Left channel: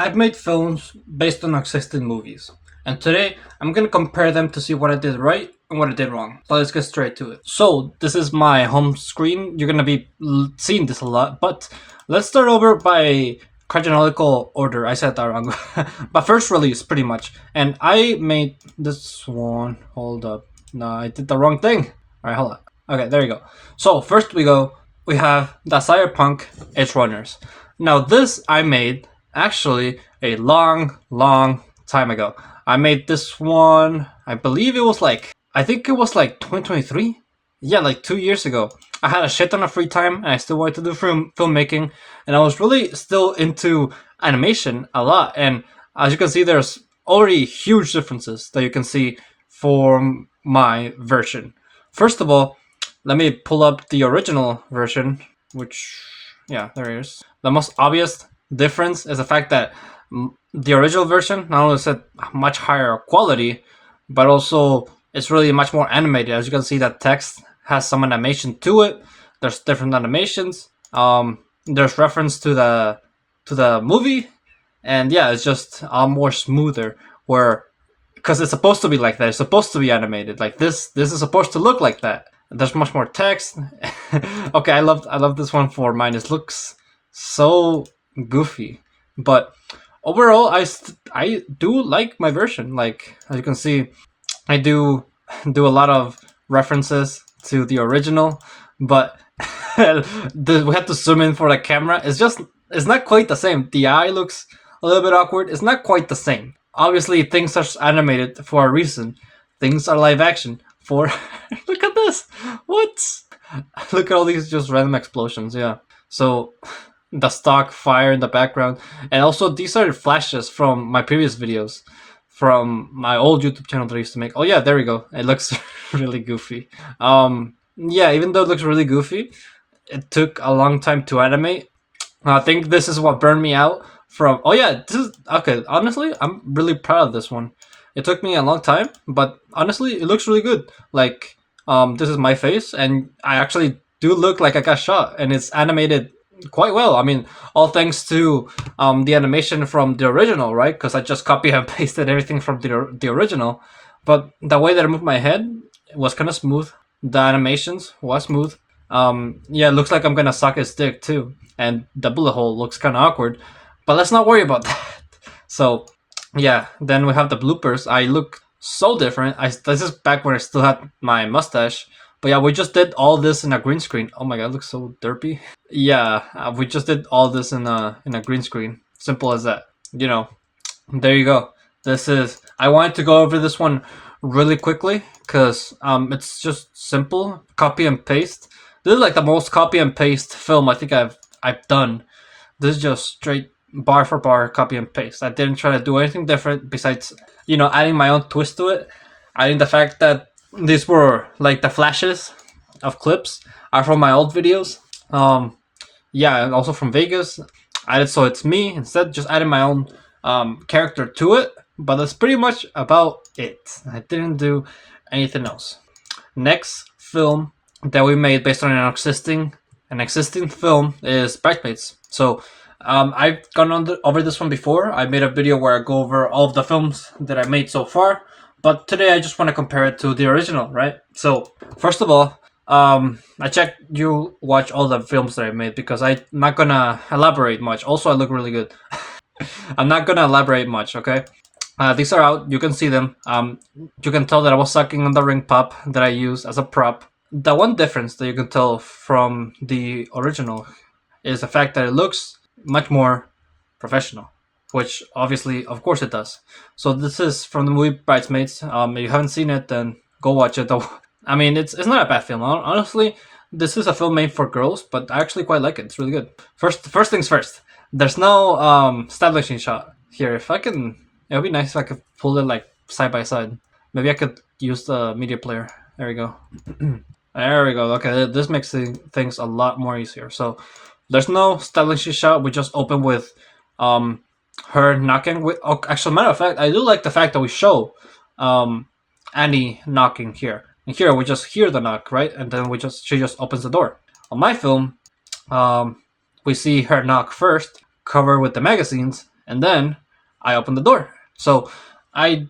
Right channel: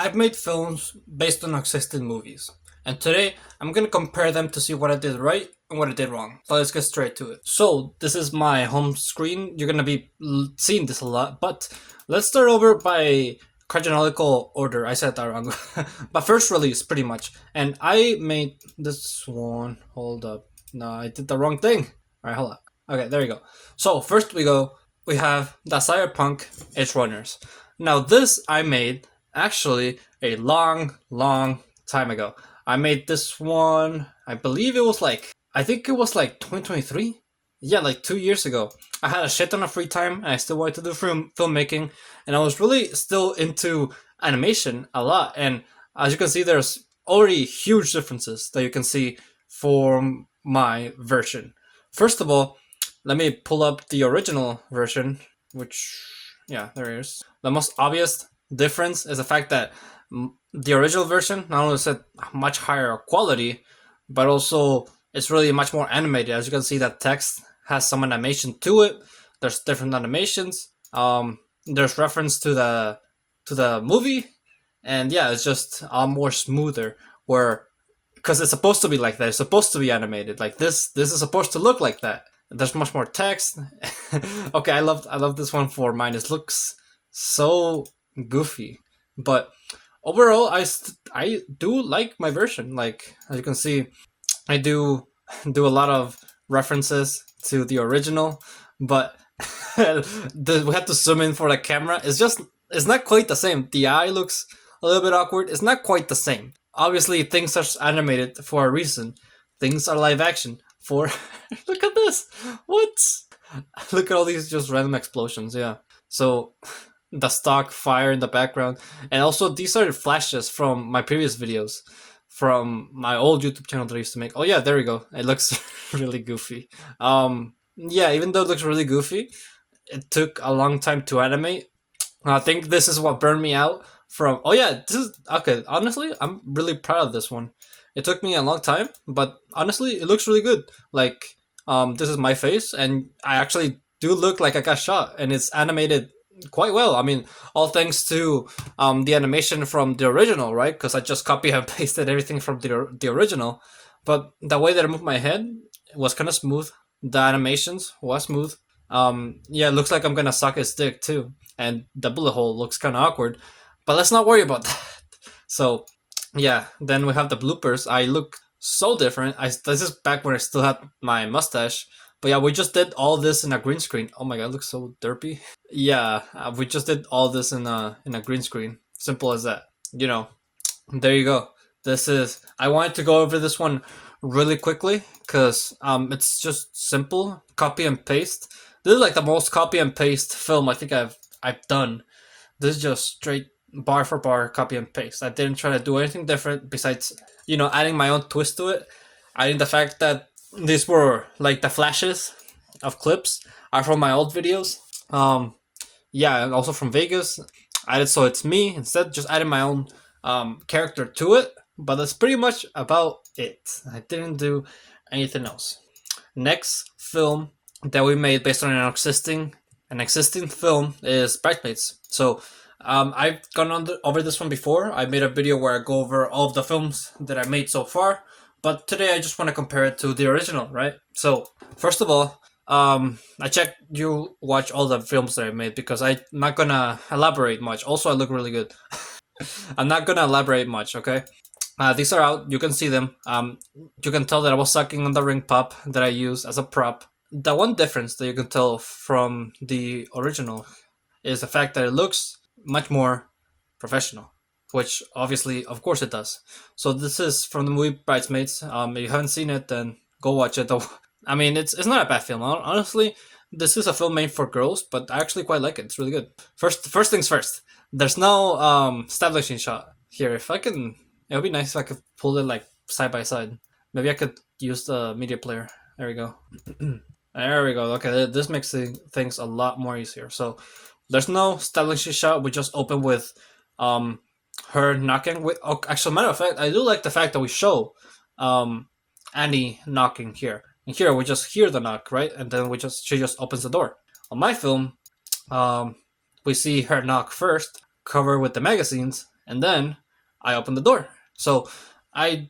I've made films based on existing movies, and today I'm gonna compare them to see what I did right and what I did wrong. So let's get straight to it. So this is my home screen. You're gonna be seeing this a lot, but let's start over by chronological order. I said that wrong, but first release pretty much. And I made this one. Hold up, no, I did the wrong thing. All right, hold on. Okay, there you go. So first we have the Cyberpunk Edge Runners. Now this I made actually a long time ago. I made this one, I believe it was I think it was like 2023. Yeah, like 2 years ago. I had a shit ton of free time and I still wanted to do filmmaking, and I was really still into animation a lot. And as you can see, there's already huge differences that you can see from my version. First of all, let me pull up the original version, which, yeah, there it is. The most obvious difference is the fact that the original version not only said much higher quality, but also it's really much more animated. As you can see, that text has some animation to it. There's different animations. There's reference to the movie, and yeah, it's just more smoother. Where because it's supposed to be like that, it's supposed to be animated like this. This is supposed to look like that. There's much more text. Okay, I love this one for mine. It looks so goofy, but overall I do like my version. Like, as you can see, I do a lot of references to the original, but we have to zoom in for the camera. It's not quite the same. The eye looks a little bit awkward. It's not quite the same. Obviously things are animated for a reason. Things are live action for look at this. What? Look at all these just random explosions. Yeah, so the stock fire in the background, and also these are flashes from my previous videos from my old YouTube channel that I used to make. Oh yeah, there we go. It looks really goofy. Yeah, even though it looks really goofy, it took a long time to animate. I think this is what burned me out from. Oh yeah, this is okay. Honestly, I'm really proud of this one. It took me a long time, but honestly, it looks really good. Like, this is my face, and I actually do look like I got shot, and it's animated quite well. I mean, all thanks to the animation from the original, right? Because I just copy and pasted everything from the original. But the way that I moved my head was kind of smooth. The animations was smooth. Yeah, it looks like I'm gonna suck his dick too, and the bullet hole looks kind of awkward. But let's not worry about that. So, yeah, then we have the bloopers. I look so different. This is back when I still had my mustache. But yeah, we just did all this in a green screen. Oh my god, it looks so derpy. Yeah, we just did all this in a green screen. Simple as that. You know, there you go. This is. I wanted to go over this one really quickly because it's just simple. Copy and paste. This is like the most copy and paste film I think I've done. This is just straight bar for bar copy and paste. I didn't try to do anything different besides, adding my own twist to it. Adding the fact that these were like the flashes of clips are from my old videos. Yeah, and also from Vegas. Added so it's me instead, just adding my own character to it. But that's pretty much about it. I didn't do anything else. Next film that we made based on an existing film is Bridesmaids. So I've gone over this one before. I made a video where I go over all of the films that I made so far. But today I just want to compare it to the original, right? So first of all, I checked you watch all the films that I made because I'm not gonna elaborate much. Also, I look really good. I'm not gonna elaborate much, okay? These are out. You can see them. You can tell that I was sucking on the ring pop that I used as a prop. The one difference that you can tell from the original is the fact that it looks much more professional, which obviously, of course, it does. So this is from the movie Bridesmaids. If you haven't seen it, then go watch it. I mean, it's not a bad film. Honestly, this is a film made for girls, but I actually quite like it. It's really good. First things first. There's no establishing shot here. If I can, it would be nice if I could pull it like side by side. Maybe I could use the media player. There we go. There we go. Okay, this makes things a lot more easier. So there's no establishing shot. We just open with her knocking. Actually, matter of fact, I do like the fact that we show Annie knocking here. And here we just hear the knock, right? And then she just opens the door. On my film, we see her knock first, cover with the magazines, and then I open the door. So I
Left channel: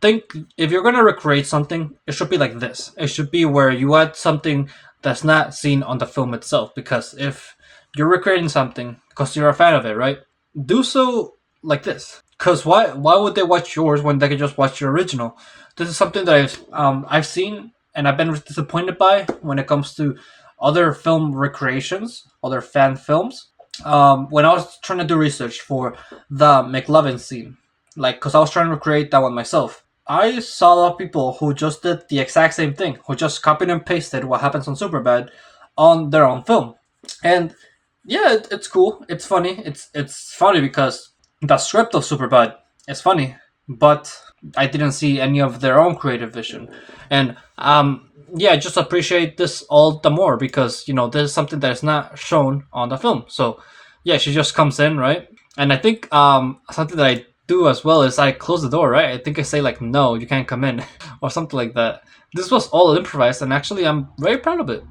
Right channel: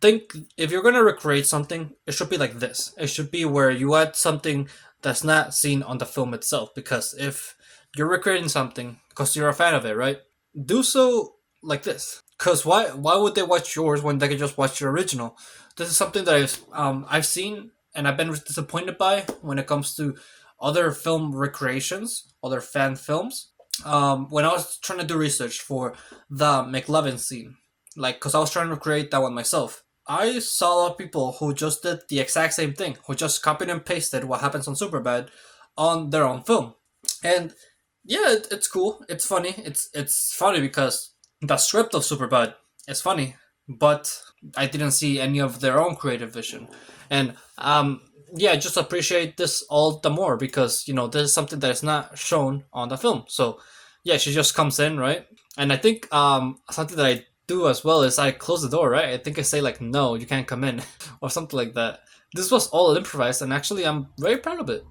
think if you're gonna recreate something, it should be like this. It should be where you add something that's not seen on the film itself. Because if you're recreating something because you're a fan of it, right? Do so like this. Because why would they watch yours when they could just watch your original? This is something that I've seen and I've been disappointed by when it comes to other film recreations, other fan films. When I was trying to do research for the McLovin scene, like, because I was trying to recreate that one myself, I saw a lot of people who just did the exact same thing, who just copied and pasted what happens on Superbad on their own film. And yeah, it's cool. It's funny. It's funny because the script of Superbad is funny, but I didn't see any of their own creative vision. And yeah, I just appreciate this all the more because this is something that is not shown on the film. So yeah, she just comes in, right? And I think something that I do as well is I close the door, right? I think I say like, no, you can't come in, or something like that. This was all improvised, and actually, I'm very proud of it.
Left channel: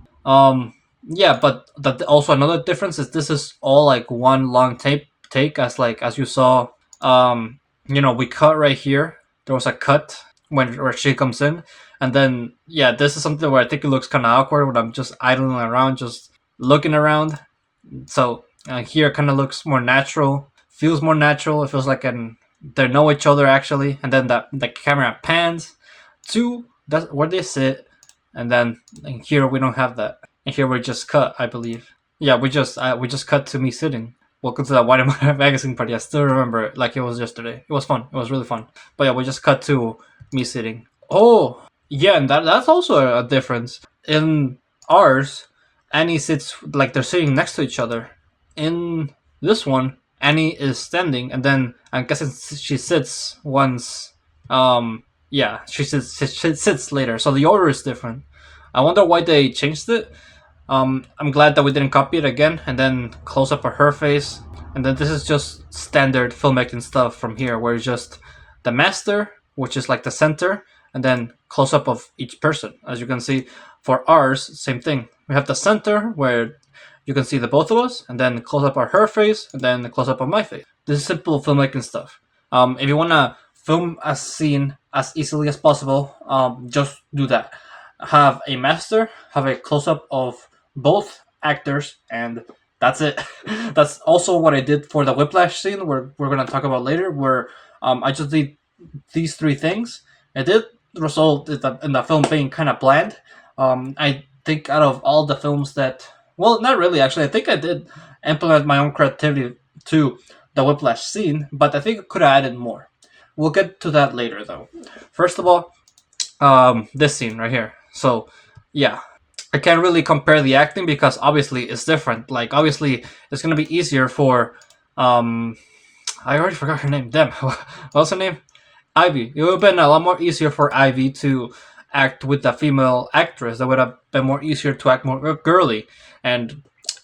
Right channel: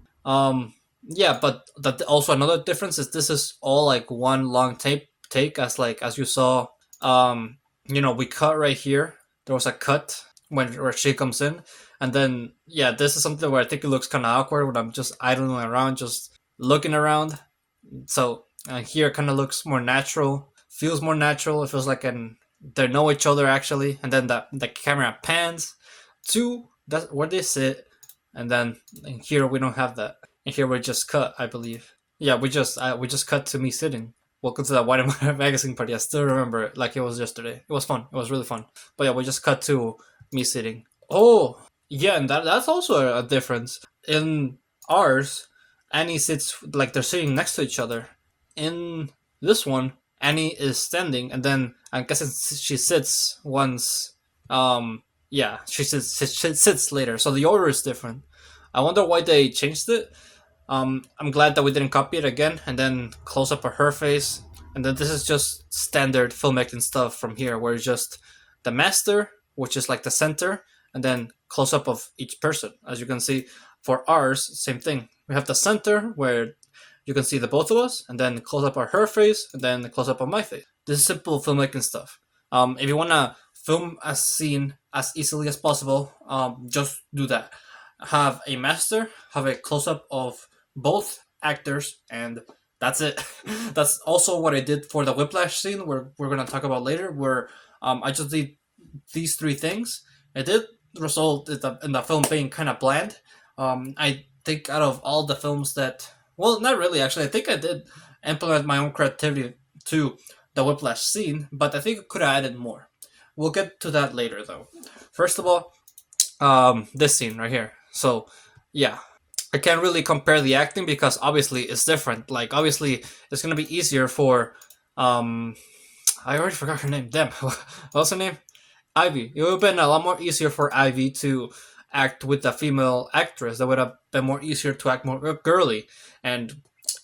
Yeah, but also another difference is this is all like one long take as you saw. We cut right here. There was a cut where she comes in, and then yeah, this is something where I think it looks kind of awkward when I'm just idling around, just looking around. So here it kind of looks more natural, feels more natural. It feels like they know each other actually, and then the camera pans to that's where they sit, and then here we don't have that. And here we just cut, I believe. Yeah, we just cut to me sitting. Welcome to that White and White magazine party. I still remember it like it was yesterday. It was fun. It was really fun. But yeah, we just cut to me sitting. Oh, yeah, and that's also a difference. In ours, Annie sits like they're sitting next to each other. In this one, Annie is standing, and then I'm guessing she sits once. Yeah, she sits later. So the order is different. I wonder why they changed it. I'm glad that we didn't copy it again and then close up of her face. And then this is just standard filmmaking stuff from here, where it's just the master, which is like the center, and then close up of each person. As you can see, for ours, same thing. We have the center where you can see the both of us, and then close up of her face, and then the close up of my face. This is simple filmmaking stuff. If you wanna film a scene as easily as possible, just do that. Have a master, have a close up of both actors, and that's it. That's also what I did for the Whiplash scene, where we're gonna talk about later, where I just did these three things. It did result in the film being kind of bland. I think out of all the films that, well, not really actually. I think I did implement my own creativity to the Whiplash scene, but I think I could have added more. We'll get to that later, though. First of all, this scene right here. So, yeah, I can't really compare the acting because obviously it's different. Like, obviously, it's gonna be easier for, I already forgot her name. Damn, what's her name? Ivy. It would have been a lot more easier for Ivy to act with the female actress. That would have been more easier to act more girly. And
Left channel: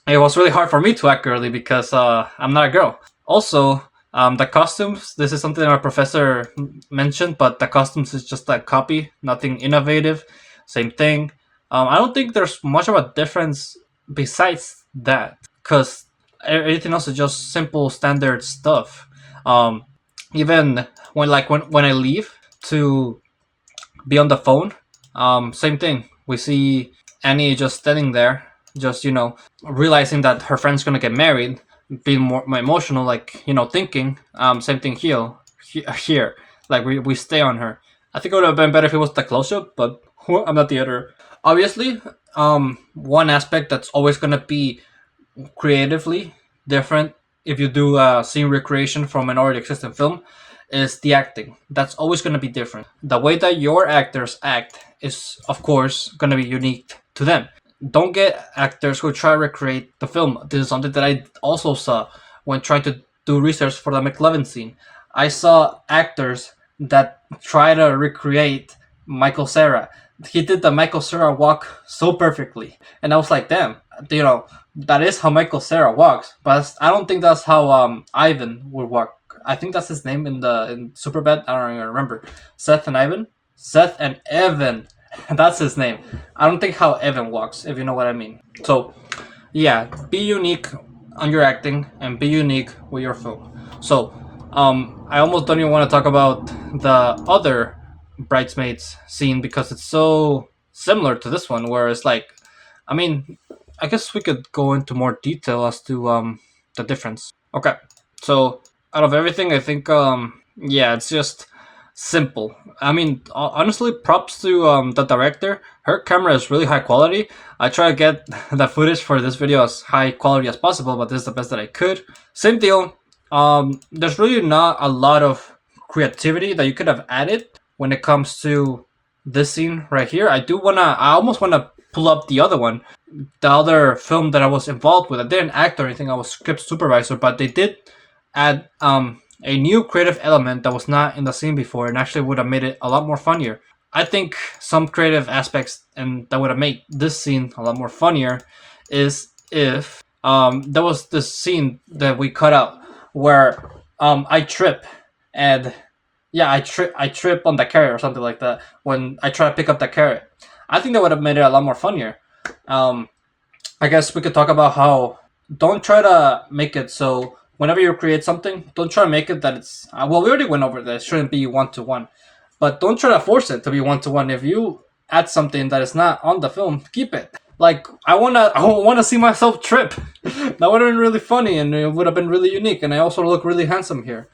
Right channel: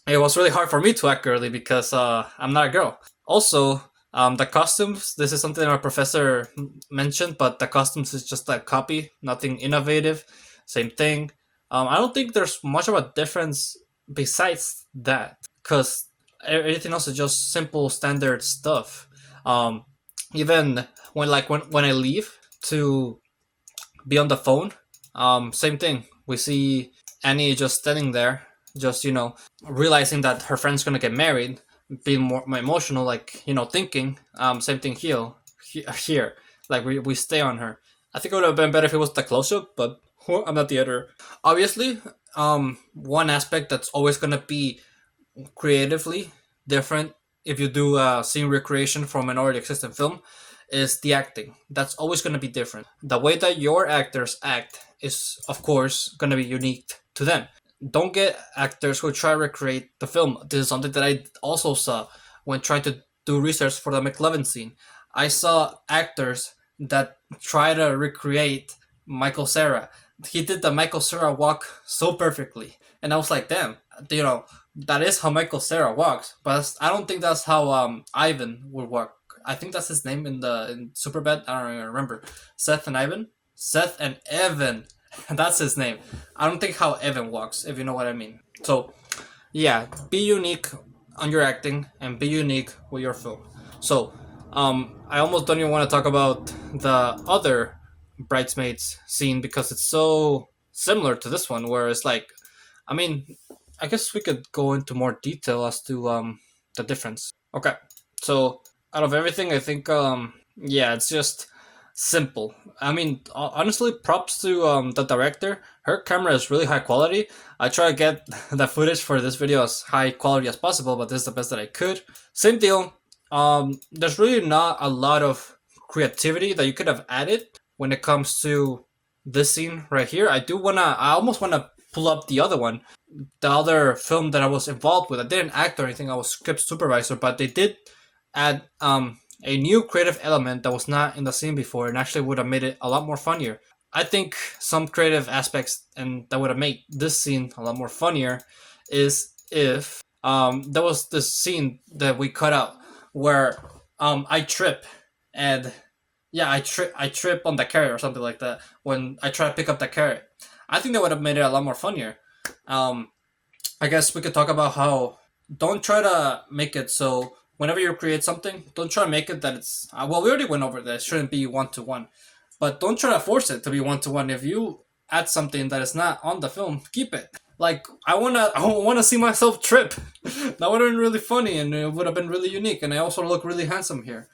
it was really hard for me to act girly because I'm not a girl. Also, the costumes, this is something our professor mentioned, but the costumes is just a copy, nothing innovative. Same thing. I don't think there's much of a difference besides that, because everything else is just simple standard stuff. Even when I leave to be on the phone, same thing. We see Annie just standing there, just realizing that her friend's gonna get married, being more emotional, like thinking. Same thing here. Like we stay on her. I think it would have been better if it was the close up, but I'm not the editor. Obviously, one aspect that's always gonna be creatively different if you do a scene recreation from an already existing film is the acting. That's always going to be different. The way that your actors act is, of course, going to be unique to them. Don't get actors who try to recreate the film. This is something that I also saw when trying to do research for the McLovin scene. I saw actors that try to recreate Michael Cera. He did the Michael Cera walk so perfectly. And I was like, damn, that is how Michael Cera walks. But I don't think that's how Ivan would walk. I think that's his name in Superbad. I don't even remember. Seth and Ivan? Seth and Evan. That's his name. I don't think how Evan walks, if you know what I mean. So, yeah, be unique on your acting and be unique with your film. So, I almost don't even want to talk about the other Bridesmaids scene because it's so similar to this one, where it's like, I mean, I guess we could go into more detail as to the difference. Okay, so out of everything, I think yeah, it's just simple. I mean, honestly, props to the director. Her camera is really high quality. I try to get the footage for this video as high quality as possible, but this is the best that I could. Same deal. There's really not a lot of creativity that you could have added when it comes to this scene right here. I almost wanna pull up the other one, the other film that I was involved with. I didn't act or anything. I was script supervisor, but they did add a new creative element that was not in the scene before, and actually would have made it a lot more funnier. I think some creative aspects and that would have made this scene a lot more funnier is if there was this scene that we cut out where I trip and yeah, I trip on the carrot or something like that when I try to pick up the carrot. I think that would have made it a lot more funnier. Um, I guess we could talk about how don't try to make it so whenever you create something, don't try to make it that it's well. We already went over that it shouldn't be 1-to-1, but don't try to force it to be 1-to-1. If you add something that is not on the film, keep it. Like I wanna see myself trip. That would have been really funny and it would have been really unique. And I also look really handsome here.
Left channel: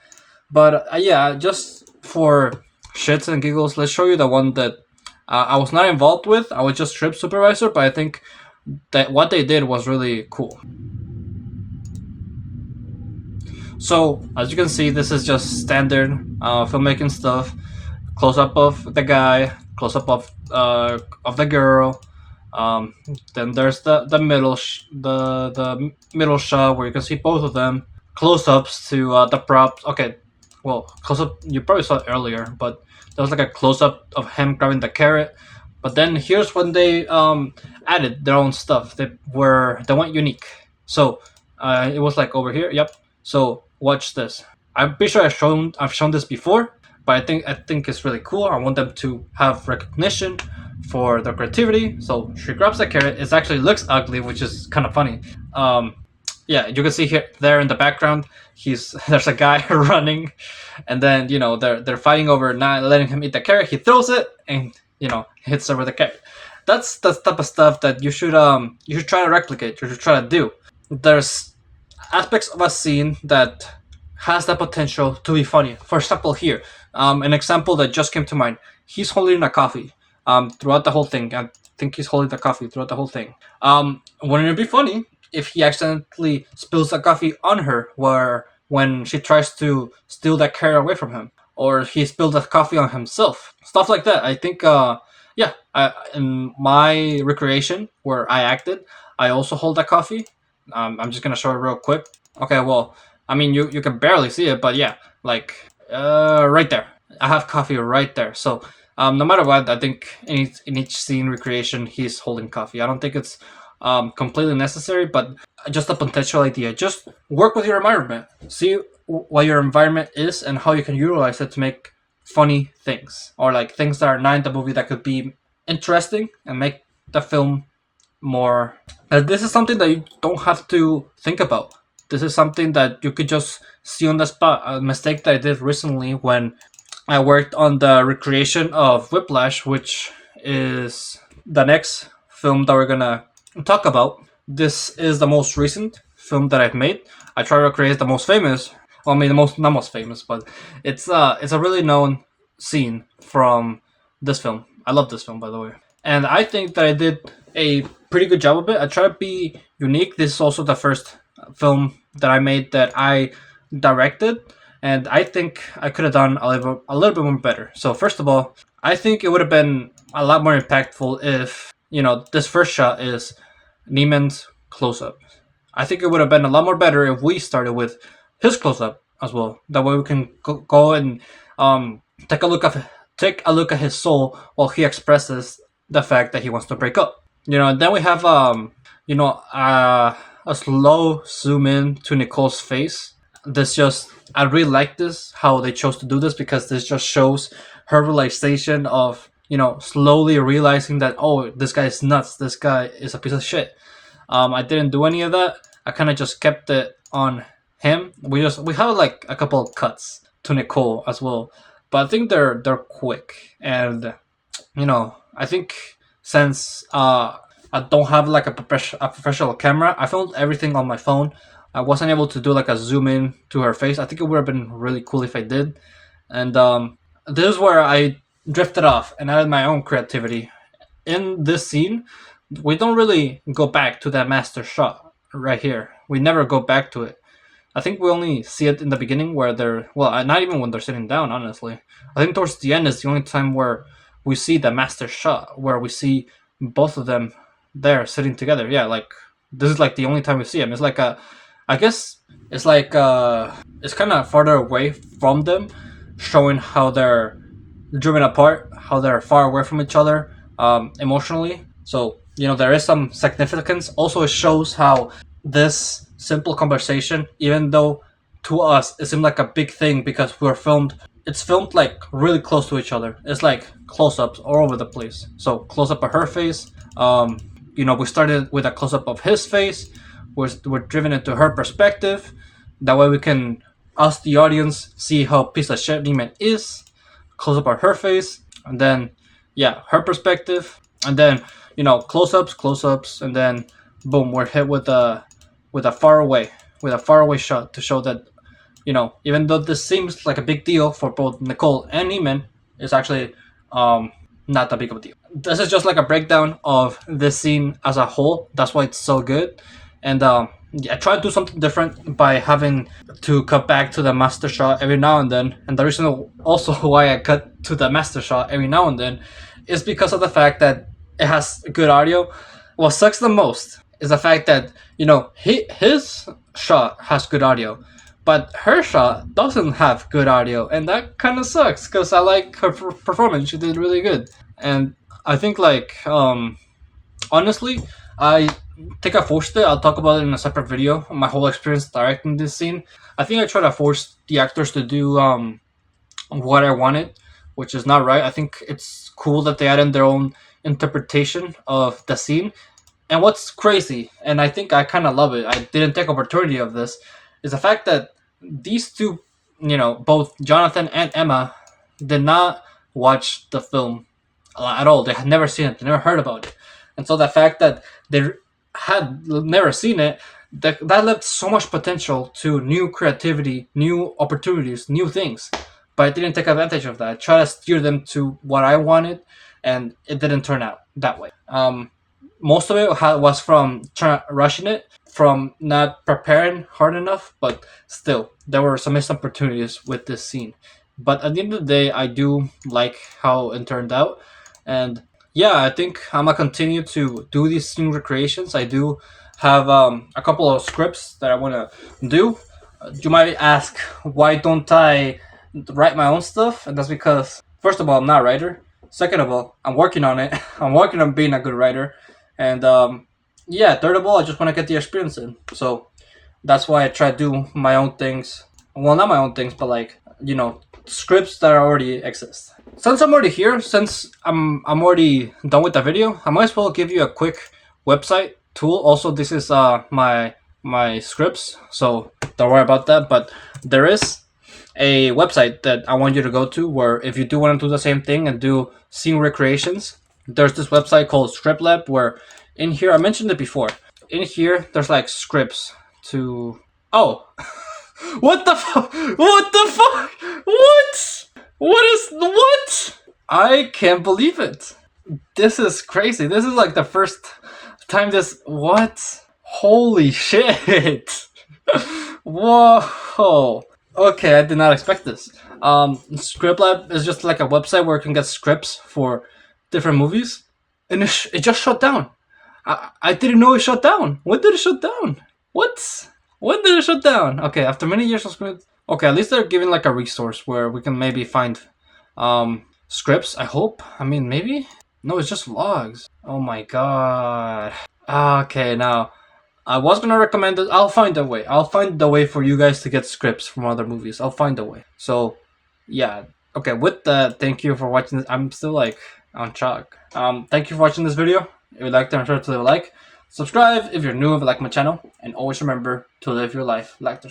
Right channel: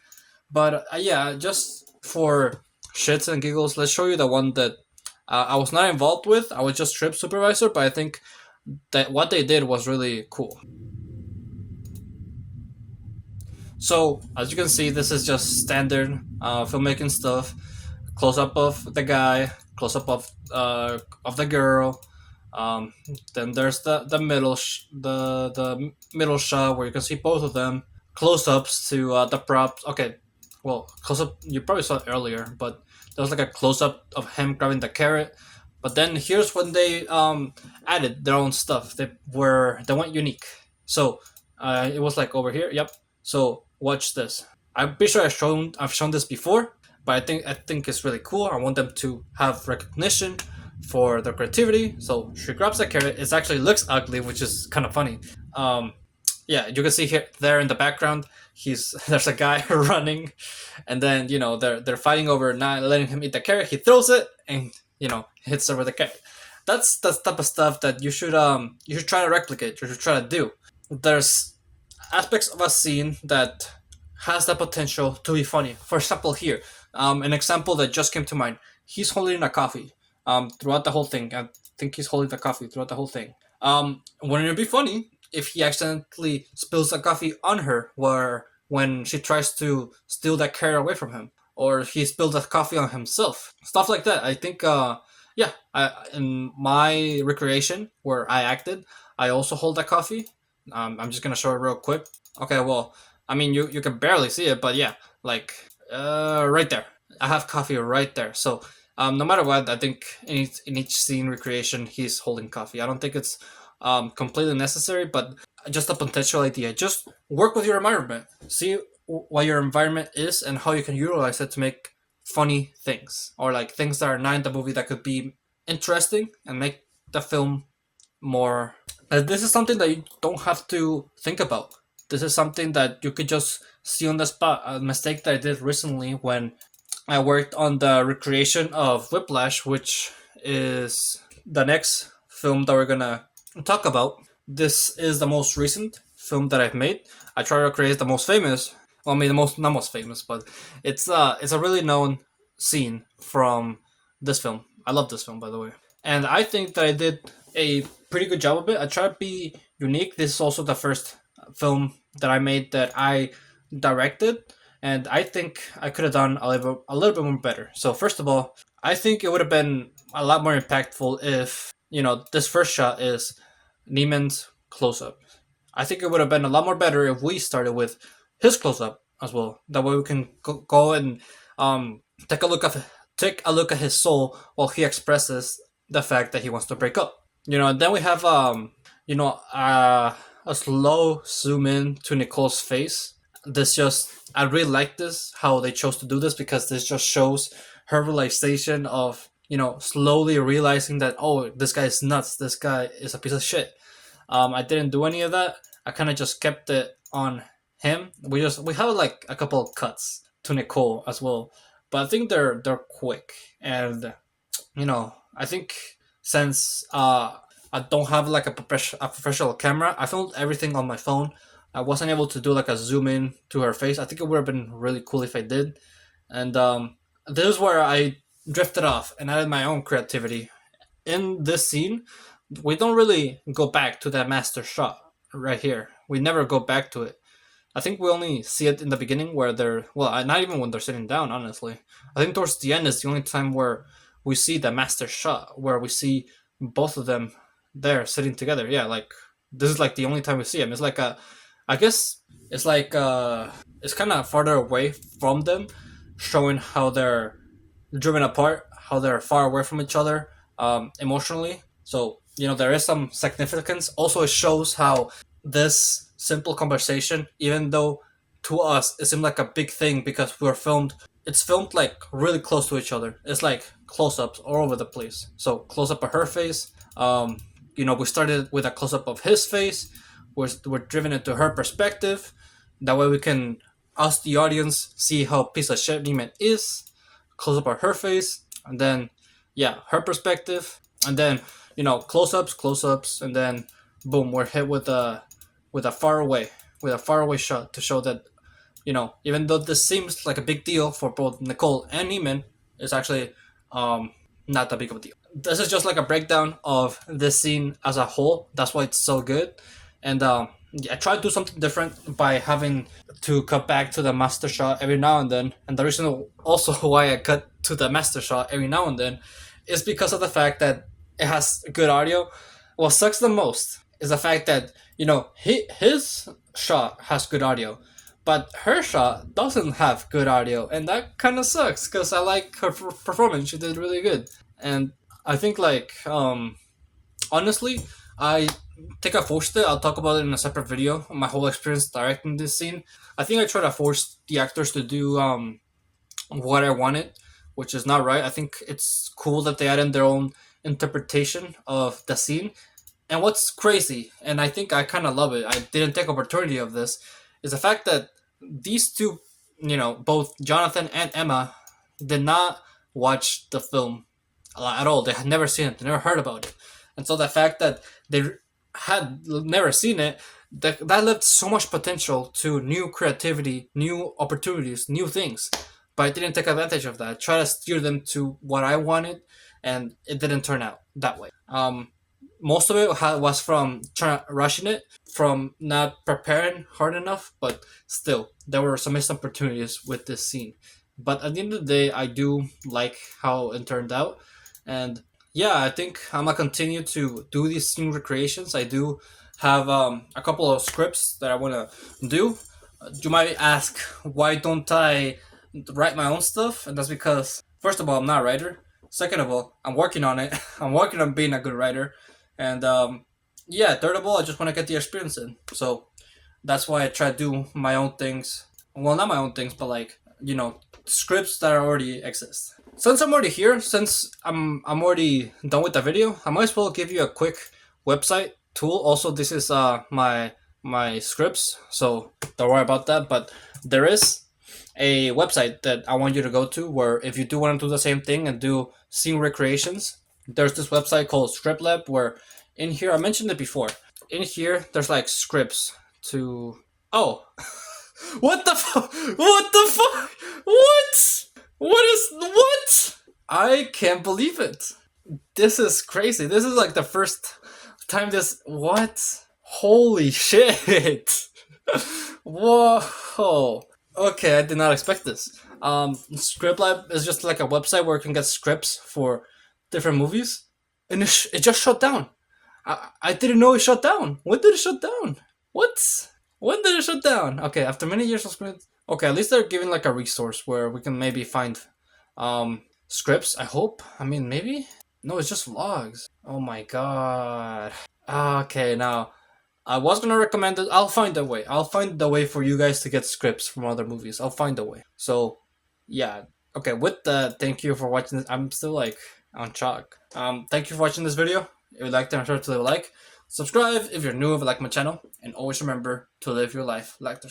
But yeah, just for shits and giggles, let's show you the one that I was not involved with. I was just trip supervisor, but I think that what they did was really cool. So as you can see, this is just standard filmmaking stuff. Close up of the guy, close up of the girl. Then there's the the middle shot where you can see both of them. Close ups to the props. Okay, well, close up you probably saw it earlier, but there was like a close up of him grabbing the carrot. But then here's when they added their own stuff. They went unique. So it was like over here. Yep. So watch this. I'm pretty sure I've shown this before, but I think it's really cool. I want them to have recognition for their creativity. So she grabs the carrot. It actually looks ugly, which is kind of funny. Yeah, you can see here there in the background. There's a guy running, and then they're fighting over not letting him eat the carrot. He throws it and hits her with the carrot. That's the type of stuff that you should try to replicate. You should try to do. There's aspects of a scene that has the potential to be funny. For example, here, an example that just came to mind. He's holding a coffee throughout the whole thing. I think he's holding the coffee throughout the whole thing. Wouldn't it be funny if he accidentally spills the coffee on her when she tries to steal that carrot away from him? Or he spilled the coffee on himself. Stuff like that. I think, in my recreation where I acted, I also hold that coffee. I'm just going to show it real quick. Okay, well, I mean, you can barely see it, but yeah, like, right there. I have coffee right there. So, no matter what, I think in each scene recreation, he's holding coffee. I don't think it's completely necessary, but just a potential idea. Just work with your environment. See what your environment is and how you can utilize it to make funny things, or like things that are not in the movie that could be interesting and make the film more. This is something that you don't have to think about. This is something that you could just see on the spot. A mistake that I did recently when I worked on the recreation of Whiplash, which is the next film that we're gonna talk about. This is the most recent film that I've made. I try to create the most famous. Well, I mean, not most famous, but it's a really known scene from this film. I love this film, by the way, and I think that I did a pretty good job of it. I try to be unique. This is also the first film that I made that I directed, and I think I could have done a little bit more better. So first of all, I think it would have been a lot more impactful if this first shot is Neiman's close up. I think it would have been a lot more better if we started with his close up as well. That way we can go and take a look at his soul while he expresses the fact that he wants to break up. Then we have a slow zoom in to Nicole's face. I really like this, how they chose to do this, because this just shows her realization of slowly realizing that, oh, this guy is nuts, this guy is a piece of shit. I didn't do any of that. I kind of just kept it on him. We have like a couple of cuts to Nicole as well, but I think they're quick. And I think since I don't have like a professional camera, I filmed everything on my phone. I wasn't able to do like a zoom in to her face. I think it would have been really cool if I did. And this is where I drifted off and added my own creativity. In this scene, we don't really go back to that master shot right here. We never go back to it. I think we only see it in the beginning where they're, well, not even when they're sitting down, honestly. I think towards the end is the only time where we see the master shot, where we see both of them there sitting together. Yeah, like, this is like the only time we see them. It's like I guess it's like, it's kind of farther away from them, showing how they're driven apart, how they're far away from each other emotionally. So, there is some significance. Also, it shows how this simple conversation, even though to us it seemed like a big thing because it's filmed like really close to each other. It's like close-ups all over the place. So close-up of her face. We started with a close-up of his face. We're driven into her perspective. That way we can, us the audience, see how piece of shit Neiman is. Close-up of her face. And then, her perspective. And then, close-ups, and then boom, we're hit with a far away shot to show that, even though this seems like a big deal for both Nicole and Neiman, it's actually not that big of a deal. This is just like a breakdown of this scene as a whole. That's why it's so good. And I try to do something different by having to cut back to the master shot every now and then. And the reason also why I cut to the master shot every now and then is because of the fact that it has good audio. What sucks the most is the fact that, his shot has good audio, but her shot doesn't have good audio, and that kind of sucks because I like her performance. She did really good. And I think, like, honestly, I think I forced it. I'll talk about it in a separate video, my whole experience directing this scene. I think I try to force the actors to do what I wanted, which is not right. I think it's cool that they add in their own interpretation of the scene. And what's crazy, and I think I kind of love it, I didn't take opportunity of this, is the fact that these two, both Jonathan and Emma, did not watch the film at all. They had never seen it. They never heard about it. And so the fact that they had never seen it, that left so much potential to new creativity, new opportunities, new things. But I didn't take advantage of that. I tried to steer them to what I wanted, and it didn't turn out that way. Most of it was from rushing it, from not preparing hard enough, but still, there were some missed opportunities with this scene. But at the end of the day, I do like how it turned out. And I think I'm going to continue to do these scene recreations. I do have a couple of scripts that I want to do. You might ask, why don't I write my own stuff? And that's because, first of all, I'm not a writer. Second of all, I'm working on it. I'm working on being a good writer. And third of all, I just want to get the experience in. So that's why I try to do my own things. Well, not my own things, but like, scripts that already exist. Since I'm already here, since I'm already done with the video, I might as well give you a quick website tool. Also, this is my scripts, so don't worry about that. But there is a website that I want you to go to where if you do want to do the same thing and do scene recreations, there's this website called ScriptLab where in here, I mentioned it before, in here there's like scripts to... Oh! What the fuck? What the fuck? What? I can't believe it. This is crazy. This is like the first time what? Holy shit. Whoa. Okay, I did not expect this. ScriptLab is just like a website where you can get scripts for different movies. And it just shut down. I didn't know it shut down. When did it shut down? What? When did it shut down? Okay, after many years of scripts. Okay, at least they're giving like a resource where we can maybe find scripts, I hope. I mean, maybe? No, it's just logs. Oh my god. Okay, now, I was gonna recommend it. I'll find a way. I'll find the way for you guys to get scripts from other movies. I'll find a way. So, yeah. Okay, with that, thank you for watching this. I'm still like on shock. Thank you for watching this video. If you liked it, make sure to leave a like. Subscribe if you're new, if you like my channel. And always remember to live your life like there's